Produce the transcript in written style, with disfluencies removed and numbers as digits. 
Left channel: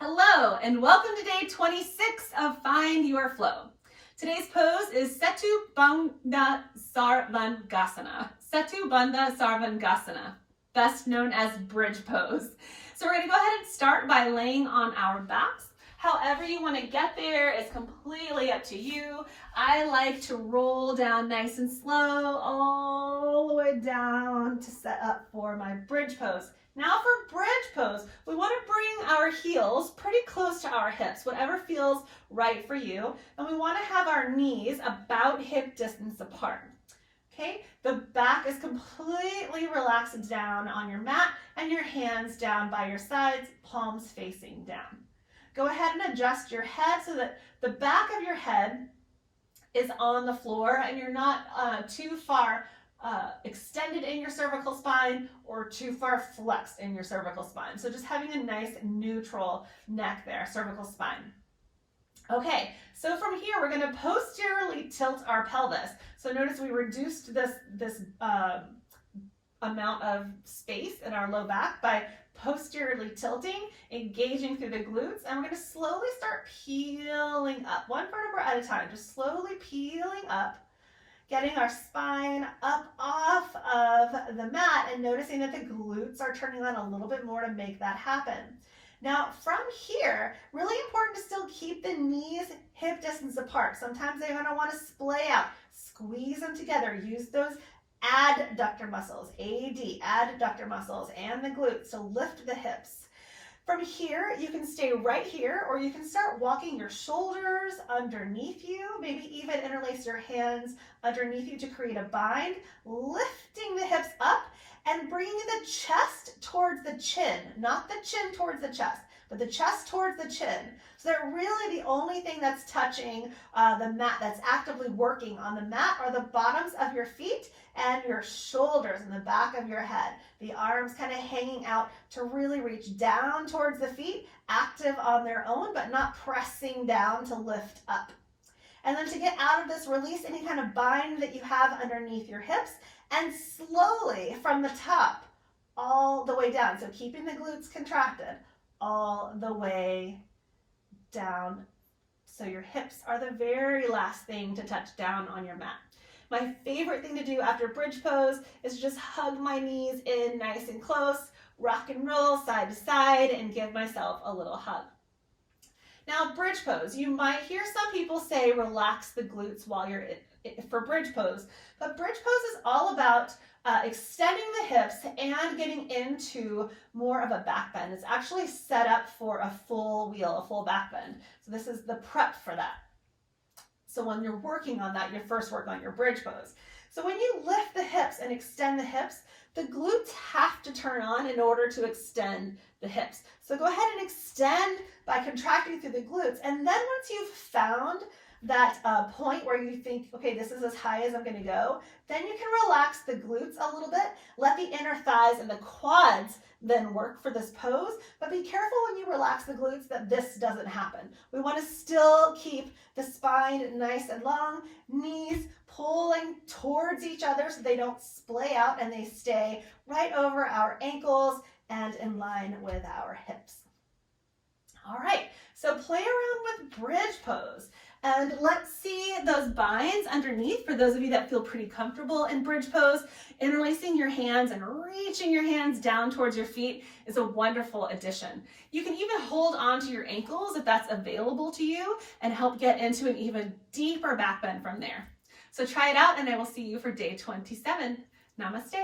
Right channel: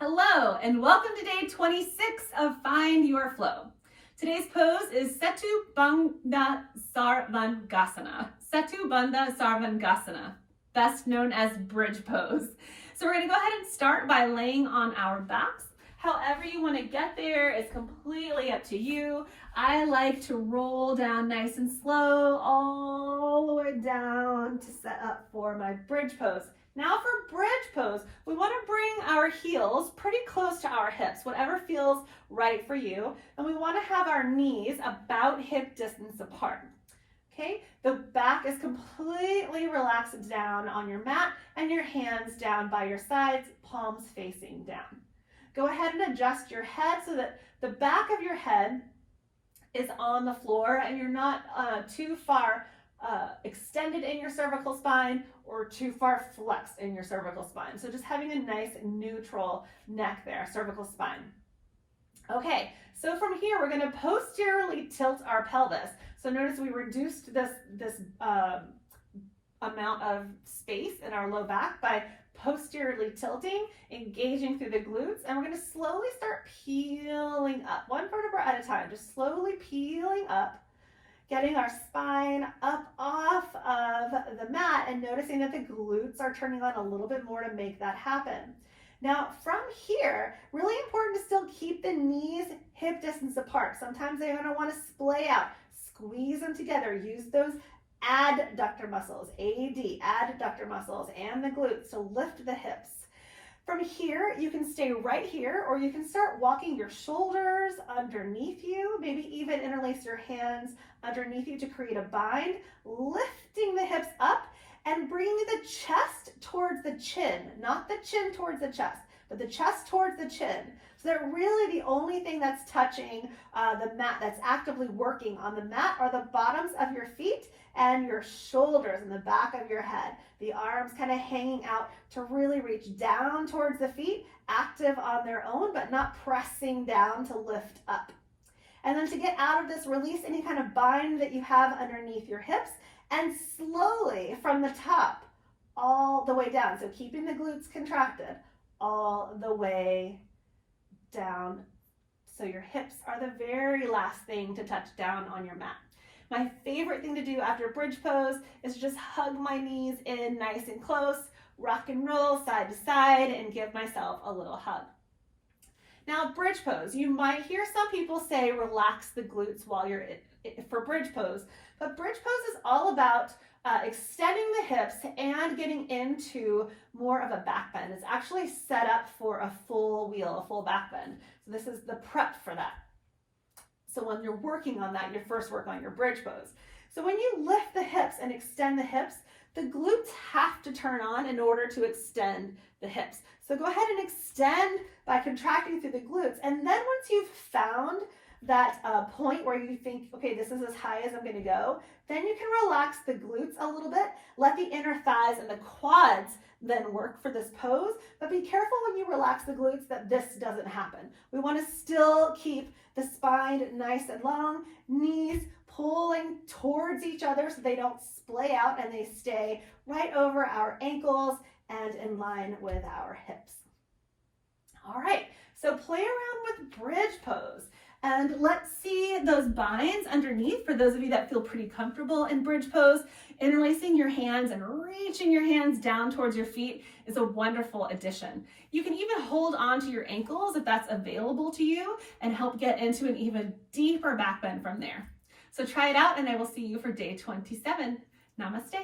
Hello, and welcome to day 26 of Find Your Flow. Today's pose is Setu Bhanda Sarvangasana. Setu Bhanda Sarvangasana, best known as bridge pose. So we're going to go ahead and start by laying on our backs. However you want to get there is completely up to you. I like to roll down nice and slow all the way down to set up for my bridge pose. Now for bridge pose, we want to bring our heels pretty close to our hips, whatever feels right for you. And we want to have our knees about hip distance apart. Okay, the back is completely relaxed down on your mat and your hands down by your sides, palms facing down. Go ahead and adjust your head so that the back of your head is on the floor and you're not too far extended in your cervical spine or too far flexed in your cervical spine. So just having a nice neutral neck there, cervical spine. Okay, so from here we're going to posteriorly tilt our pelvis. So notice we reduced this amount of space in our low back by posteriorly tilting, engaging through the glutes, and we're going to slowly start peeling up, one vertebra at a time, just slowly peeling up, getting our spine up off of the mat and noticing that the glutes are turning on a little bit more to make that happen. Now from here, really important to still keep the knees hip distance apart. Sometimes they're going to want to splay out, squeeze them together, use those adductor muscles, adductor muscles, and the glutes to lift the hips. From here, you can stay right here, or you can start walking your shoulders underneath you, maybe even interlace your hands underneath you to create a bind, lifting the hips up and bringing the chest towards the chin, not the chin towards the chest, but the chest towards the chin. So that really the only thing that's touching the mat, that's actively working on the mat, are the bottoms of your feet and your shoulders and the back of your head. The arms kind of hanging out to really reach down towards the feet, active on their own, but not pressing down to lift up. And then to get out of this, release any kind of bind that you have underneath your hips and slowly from the top all the way down. So keeping the glutes contracted all the way down. So your hips are the very last thing to touch down on your mat. My favorite thing to do after bridge pose is just hug my knees in nice and close, rock and roll side to side, and give myself a little hug. Now bridge pose, you might hear some people say relax the glutes while you're for bridge pose, but bridge pose is all about extending the hips and getting into more of a back bend. It's actually set up for a full wheel, a full back bend. So this is the prep for that. So when you're working on that, you first work on your bridge pose. So when you lift the hips and extend the hips, the glutes have to turn on in order to extend the hips. So go ahead and extend by contracting through the glutes. And then once you've found that point where you think, okay, this is as high as I'm going to go, then you can relax the glutes a little bit, let the inner thighs and the quads then work for this pose, but be careful when you relax the glutes that this doesn't happen. We want to still keep the spine nice and long, knees pulling towards each other so they don't splay out and they stay right over our ankles and in line with our hips. All right, so play around with bridge pose. And let's see those binds underneath for those of you that feel pretty comfortable in bridge pose. Interlacing your hands and reaching your hands down towards your feet is a wonderful addition. You can even hold on to your ankles if that's available to you and help get into an even deeper back bend from there. So try it out and I will see you for day 27. Namaste.